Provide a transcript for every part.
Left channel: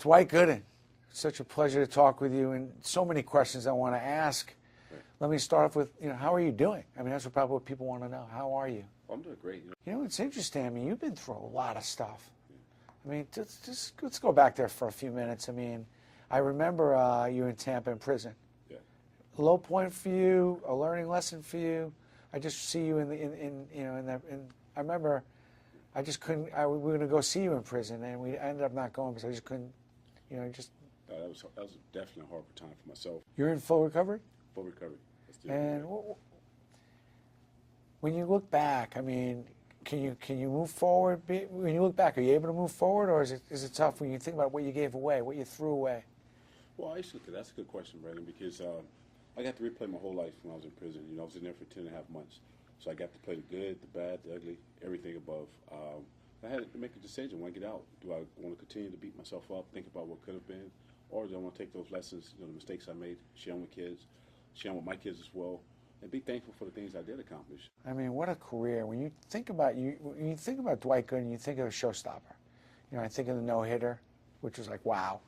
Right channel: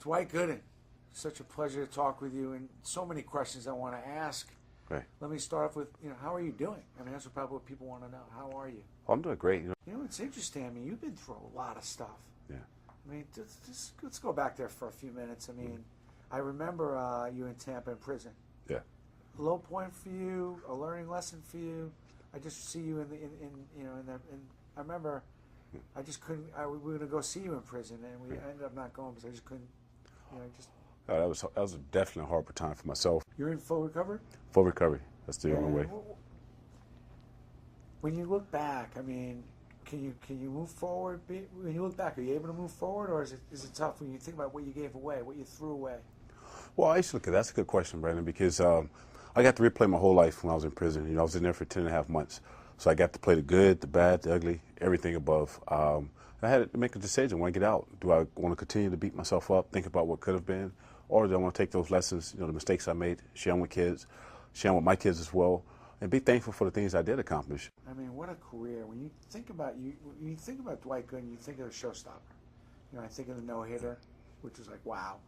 Dwight Gooden, such a pleasure to talk with you, and so many questions I want to ask. Right. Let me start off with, how are you doing? I mean, that's probably what people want to know. How are you? Well, I'm doing great. It's interesting. I mean, you've been through a lot of stuff. Yeah. I mean, just let's go back there for a few minutes. I mean, I remember you in Tampa in prison. Yeah. Low point for you, a learning lesson for you. I just see you I remember I just couldn't. We were going to go see you in prison, and we ended up not going because I just couldn't. That was definitely a hard time for myself. You're in full recovery. Full recovery. That's the only way. When you look back, I mean, can you move forward? When you look back, are you able to move forward, or is it tough when you think about what you gave away, what you threw away? Well, actually, that's a good question, Brandon, because I got to replay my whole life when I was in prison. I was in there for 10.5 months. So I got to play the good, the bad, the ugly, everything above. I had to make a decision when I get out. Do I want to continue to beat myself up, think about what could have been, or do I want to take those lessons, the mistakes I made, share them with kids, share them with my kids as well, and be thankful for the things I did accomplish. I mean, what a career. When you think about Dwight Gooden, you think of a showstopper. I think of the no-hitter, which was like, wow.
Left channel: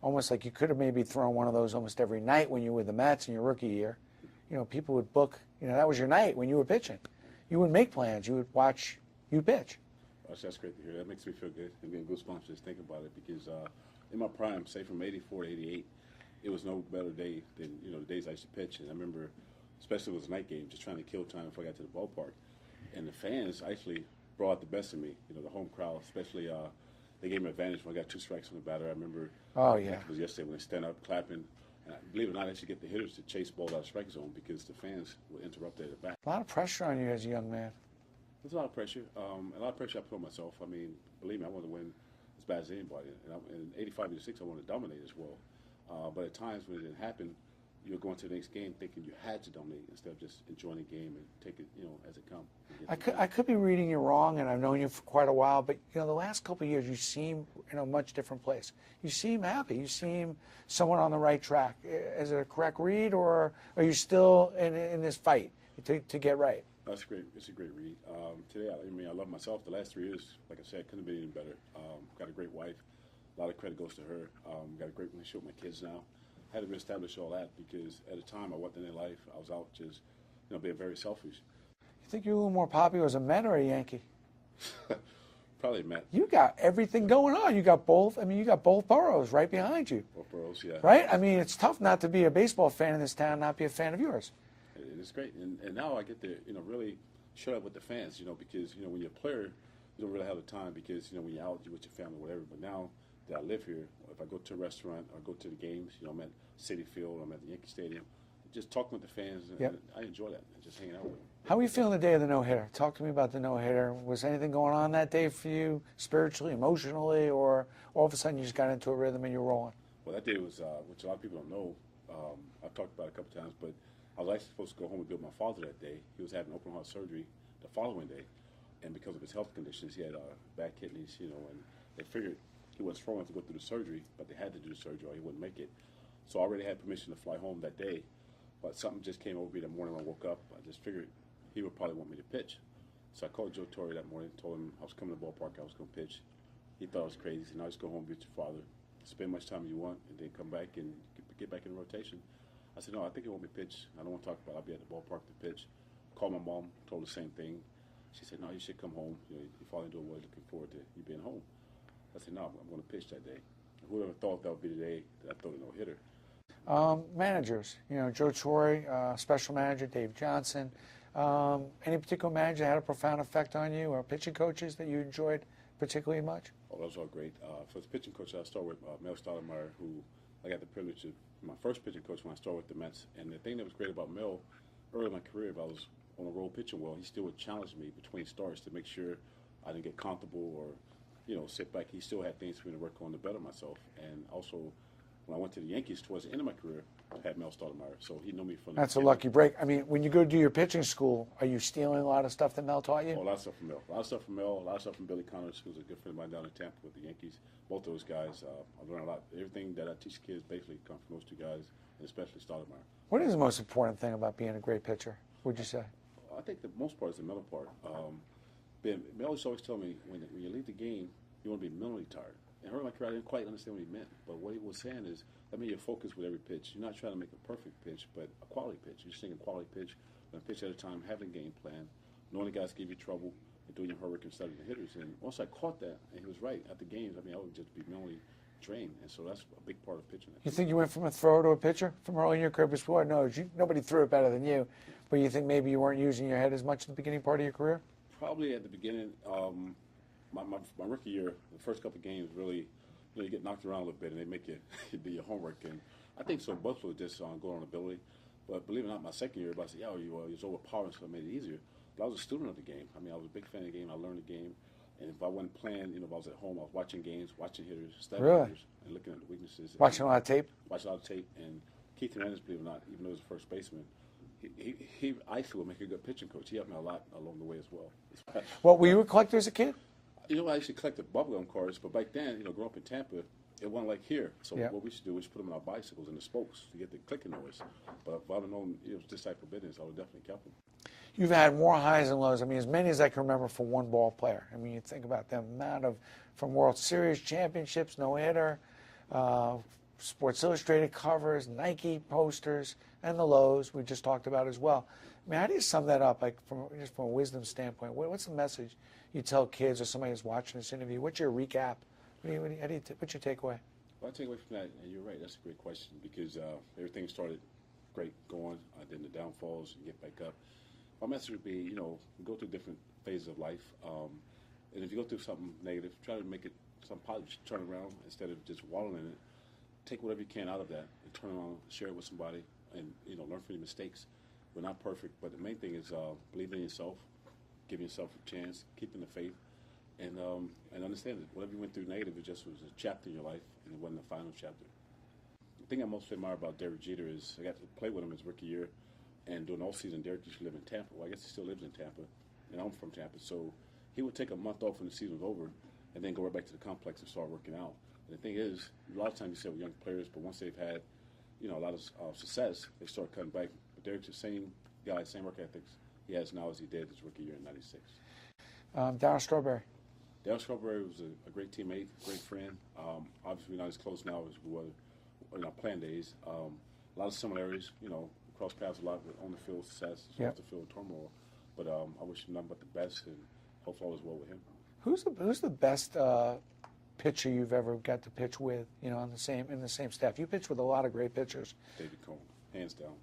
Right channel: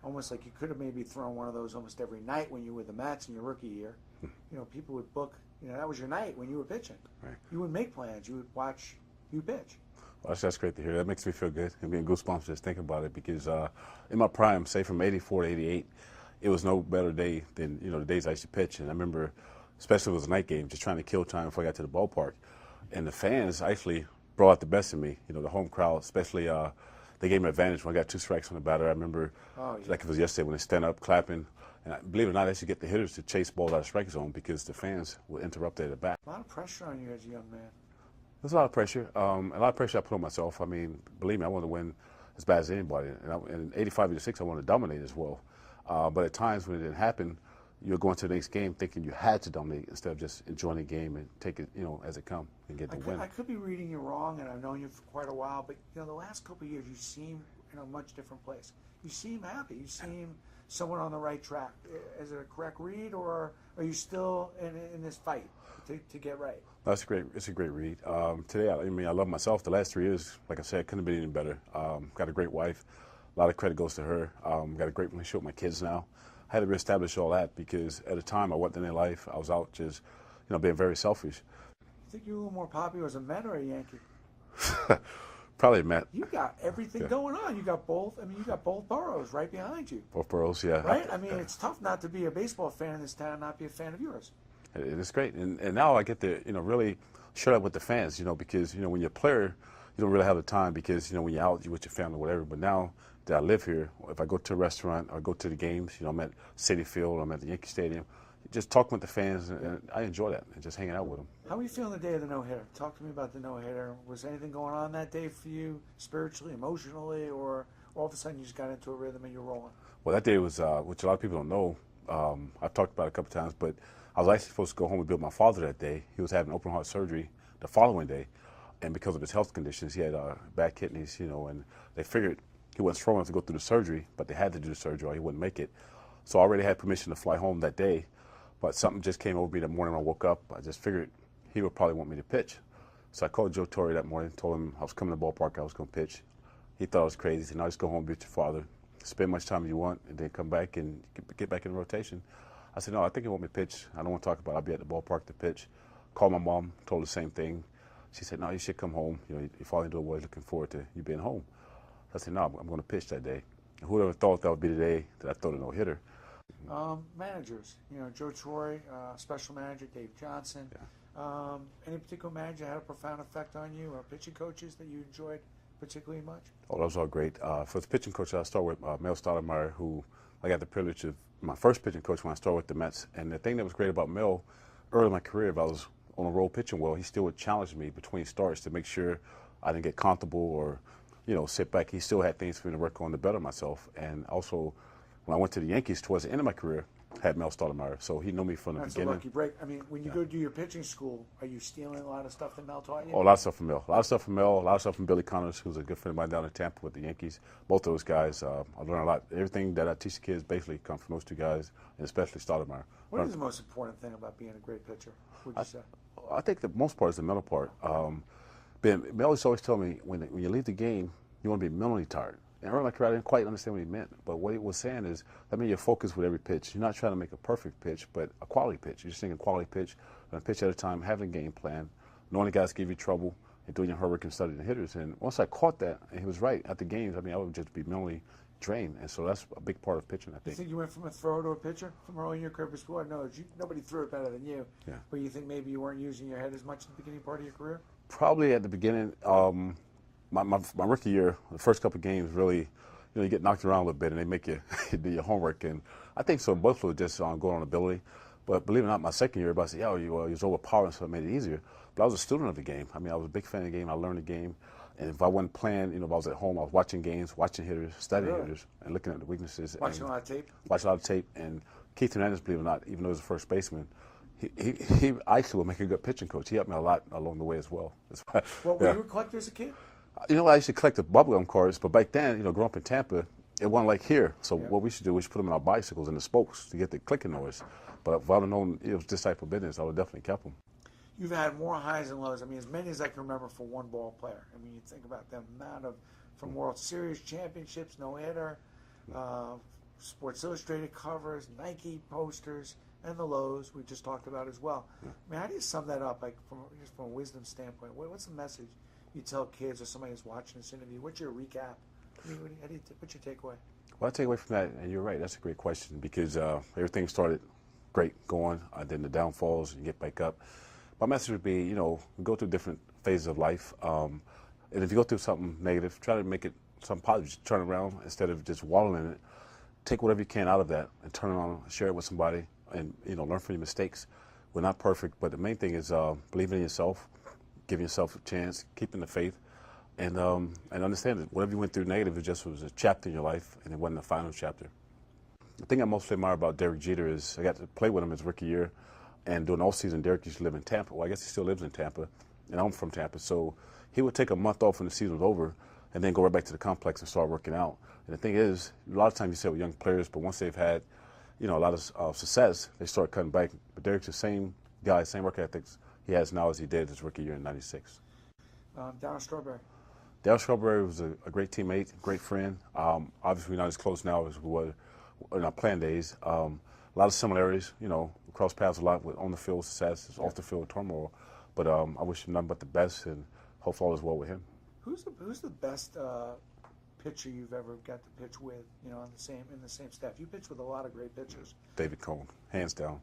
Almost like you could have maybe thrown one of those almost every night when you were with the Mets in your rookie year. People would book, that was your night when you were pitching. Right. You wouldn't make plans. You would watch you pitch. Well, that's great to hear. That makes me feel good. I'm getting goosebumps just thinking about it because in my prime, say from 84 to 88, it was no better day than, the days I used to pitch. And I remember, especially if it was a night game, just trying to kill time before I got to the ballpark. And the fans actually brought out the best in me. The home crowd, especially, they gave me an advantage when I got 2 strikes on the batter. I remember, like it was yesterday, when they stand up clapping. And believe it or not, I actually get the hitters to chase balls out of strike zone because the fans will interrupt at the bat. A lot of pressure on you as a young man. There's a lot of pressure. A lot of pressure I put on myself. I mean, believe me, I want to win as bad as anybody. And in 85-86, I want to dominate as well. But at times when it didn't happen, you're going to the next game thinking you had to dominate instead of just enjoying the game and take it, as it comes and get the win. I could be reading you wrong, and I've known you for quite a while, but the last couple of years you seem in a much different place. You seem happy. You seem somewhat on the right track. Is it a correct read, or are you still in this fight to get right? That's great. It's a great read. Today, I love myself. The last 3 years, like I said, couldn't have been any better. Got a great wife. A lot of credit goes to her. Got a great relationship with my kids now. I had to reestablish all that because at the time I wasn't in their life. I was out just, being very selfish. You think you're a little more popular as a Met or a Yankee? Probably a Met. You got everything going on. You got both. I mean, you got both boroughs right behind you. Both boroughs, yeah. Right? I mean, it's tough not to be a baseball fan in this town and not be a fan of yours. It's great. And now I get to, really shut up with the fans, because, when you're a player, you don't really have the time because, when you're out, you're with your family or whatever. But now that I live here, if I go to a restaurant or go to the games, I'm at Citi Field, I'm at the Yankee Stadium, just talking with the fans, and I enjoy that, and just hanging out with them. How were you feeling the day of the no-hitter? Talk to me about the no-hitter. Was anything going on that day for you, spiritually, emotionally, or all of a sudden you just got into a rhythm and you're rolling? Well, that day was, which a lot of people don't know, I've talked about it a couple times, but I was actually supposed to go home and be with my father that day. He was having open heart surgery the following day, and because of his health conditions, he had bad kidneys, and they figured he wasn't strong enough to go through the surgery, but they had to do the surgery or he wouldn't make it. So I already had permission to fly home that day, but something just came over me the morning when I woke up. I just figured he would probably want me to pitch. So I called Joe Torre that morning, told him I was coming to the ballpark, I was going to pitch. He thought I was crazy. He said, no, just go home, be with your father, spend much time you want, and then come back and get back in the rotation. I said, no, I think he want me to pitch. I don't want to talk about it. I'll be at the ballpark to pitch. Called my mom, told her the same thing. She said, no, you should come home. Your father doing well, he's looking forward to you being home. I said, no, I'm going to pitch that day. And whoever thought that would be the day that I throw the no-hitter. Managers, Joe Torre, special manager, Dave Johnson. Any particular manager that had a profound effect on you, or pitching coaches that you enjoyed particularly much? Oh, that was all great. For the pitching coach, I started with Mel Stoudemire, who I got the privilege of my first pitching coach when I started with the Mets. And the thing that was great about Mel, early in my career, if I was on a roll pitching well, he still would challenge me between starts to make sure I didn't get comfortable or, sit back. He still had things for me to work on to better myself. And also, when I went to the Yankees towards the end of my career, I had Mel Stoudemire, so he knew me from the beginning. That's a lucky break. I mean, when you go to do your pitching school, are you stealing a lot of stuff that Mel taught you? Oh, a lot of stuff from Mel. A lot of stuff from Mel. A lot of stuff from Billy Connors, who's a good friend of mine down in Tampa with the Yankees. Both those guys, I learned a lot. Everything that I teach the kids basically comes from those two guys, and especially Stoudemire. What is the most important thing about being a great pitcher, would you say? I think the most part is the mental part. Mel used to always tell me, when you leave the game, you want to be mentally tired. And early in my career, I didn't quite understand what he meant. But what he was saying is, that means you're focused with every pitch. You're not trying to make a perfect pitch, but a quality pitch. You're just thinking quality pitch, a pitch at a time, having a game plan, knowing the guys give you trouble, and doing your homework and studying the hitters. And once I caught that, and he was right, at the games, I mean, I would just be mentally drained. And so that's a big part of pitching, I think. You think you went from a thrower to a pitcher from early in your career? Before, no, nobody threw it better than you. Yeah. But you think maybe you weren't using your head as much in the beginning part of your career? Probably at the beginning, my rookie year, the first couple of games, really, you get knocked around a little bit, and they make you do your homework. And I think so both were just going on ability. But believe it or not, my second year, everybody said, "Yeah, you was overpowering, so it made it easier." But I was a student of the game. I mean, I was a big fan of the game. I learned the game. And if I wasn't playing, if I was at home, I was watching games, watching hitters, studying hitters, and looking at the weaknesses. Watching a lot of tape? Watching a lot of tape. And Keith Hernandez, believe it or not, even though he was a first baseman, he actually will make a good pitching coach. He helped me a lot along the way as well. What, were you a collector as a kid? I used to collect the bubblegum cards, but back then, growing up in Tampa, it wasn't like here. So what we should do, we should put them in our bicycles and the spokes to get the clicking noise. But if I would have known it was this type of business, I would have definitely kept them. You've had more highs and lows. I mean, as many as I can remember for one ball player. I mean, you think about the amount of, from World Series championships, no-hitter, Sports Illustrated covers, Nike posters, and the lows we just talked about as well. I mean, how do you sum that up, like just from a wisdom standpoint? What's the message you tell kids or somebody who's watching this interview? What's your recap? What's your takeaway? Well, I take away from that, and you're right, that's a great question, because everything started great going, then the downfalls, you get back up. My message would be, go through different phases of life, and if you go through something negative, try to make it something positive. Just turn around instead of just wallowing in it. Take whatever you can out of that and turn it on, share it with somebody, and learn from your mistakes. We're not perfect, but the main thing is believing in yourself, giving yourself a chance, keeping the faith, and understand that whatever you went through negative, it just was a chapter in your life, and it wasn't the final chapter. The thing I mostly admire about Derek Jeter is I got to play with him his rookie year. And during the off season, Derek used to live in Tampa. Well, I guess he still lives in Tampa, and I'm from Tampa. So he would take a month off when the season was over, and then go right back to the complex and start working out. And the thing is, a lot of times you see it with young players, but once they've had, a lot of success, they start cutting back. But Derek's the same guy, same work ethics he has now as he did his rookie year in '96. Darryl Strawberry. Darryl Strawberry was a great teammate, great friend. Obviously, we're not as close now as we were in our playing days. A lot of similarities, cross paths a lot with on the field success, off the field turmoil. But I wish him nothing but the best, and hope all is well with him. Who's the best pitcher you've ever got to pitch with? In the same staff. You pitched with a lot of great pitchers. David Cone, hands down.